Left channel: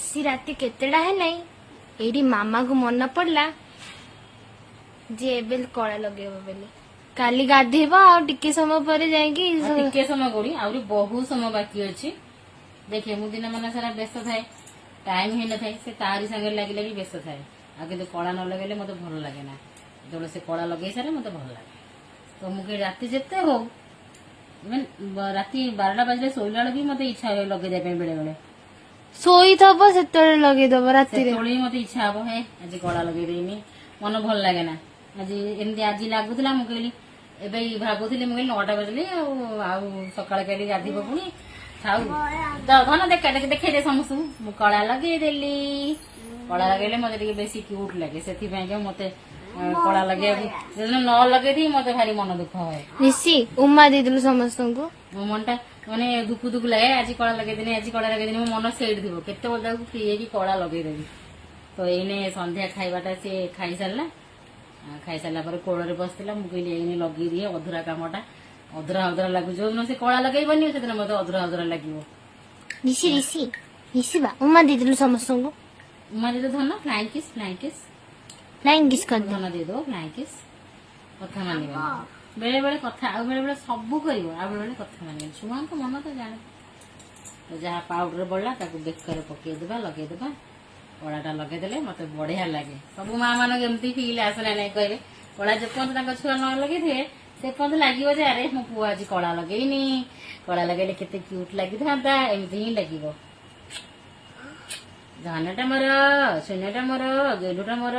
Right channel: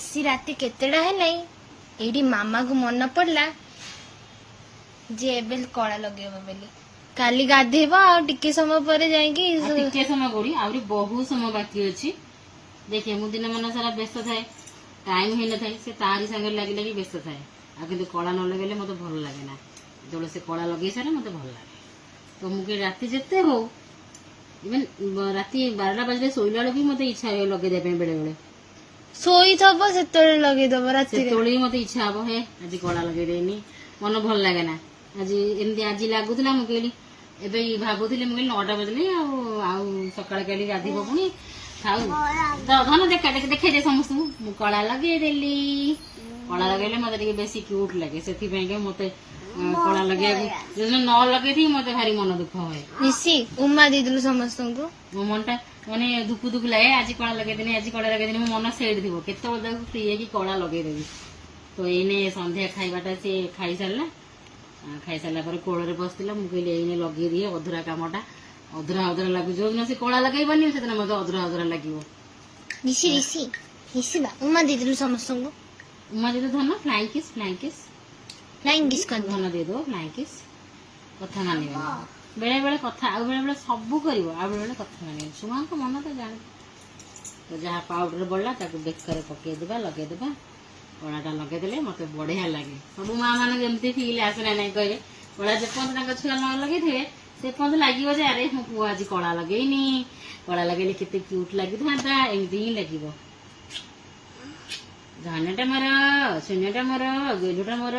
आसी राति केतेडा है एडी मामा को मन पड़ला जे एबे कला लगेबो बेली काली गाधेबो आ टिके समय पर जाईकी टिके समय गोड़ी आउरी बहुत समय बाकी अछि देखिए मु दिन मन सारा व्यस्त थाए टाइम ही न थाए से तारी संगे लागि लागि व्यस्त थाए आ কিন্তু कला न लगेले मते भल लागे ना जब से कला लगे सारे मते भल लागे तो मुके राति जेते हो इवन राति 12 बजे सोइला भी मते इच्छा लगे दे पे बेले बेले सोई थबो सेते लगे दबो राति रे तोली मते इच्छा हबो हे आज कला लगे देनी मन भल लागे ना आज एमती आज लागुतला मु कहली एबे भाबुथिले मु कहली 9टा बजले आ सकाळ कहली गाधीबो पुनी खाऊ तो धन देखे दे समस्त मु कला लगे देली कला लगेले मते टिके बेसी क्यूट लागे सेथि पे के मते कला लगे न लगे थी मते भारी मन दुख होय निसी उम्मा देदलु समस्त को मो मनटा माने दुख दुख लागे आज कला लगे देनी आज कला लगे देनी मो मन सेड दिबो केते बोलदा फ्री है कि कला लगे देबी तो एने संध्या खाइबाटा से खाई सारला पर कोड़ रे बसतिला मु कहली एने लगे दिए अधुरा कामटा अधुरा लागु जो न से कला लगेई बनी से मते अधुरा लागिवो निसी निसी निसी बा उम्मा देदलु समस्त को उम्मा दे दो धन फ्लाइंग किस कर धन दे दो फ्लाइंग किस कथा मानिबे बेले बेले कथा आ बेले बेले सब करिवो आ बेले बेले कथा मानिबे सुमान को मन तो जाने तो जहाँ पाउडर बढ़ला ताको बेकर पके देबा लगे देबा कलाटा लगे देले मते बढ़िया लागे सब माँ माने एमती फील आसना नहीं कहबे कला जे पंत ताका छुआ न लगे थे से पंत लागिवो जे अरे मो पुआ आज कला लगेइनी कला लगेले केते क्यूट लागि थांता एमती ही लागिवो धानटा मर शून्यटा मर गेलुटा मर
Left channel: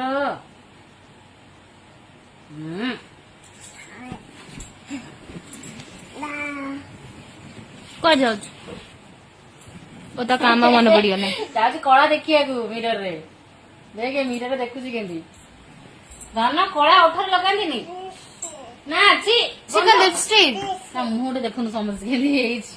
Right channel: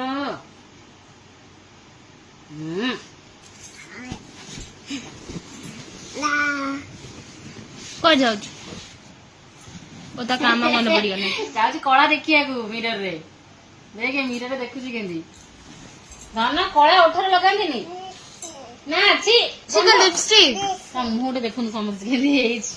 को जाऊ ओ तो काम मन पड़ियो ना जाउची कला देखिया को मिरर रे देखे मिरर देखुची केंदी धान कला ओठर लगांदिनी ना छी लिपस्टिक ता मुहटे देखुन समझ केंदी हेइछ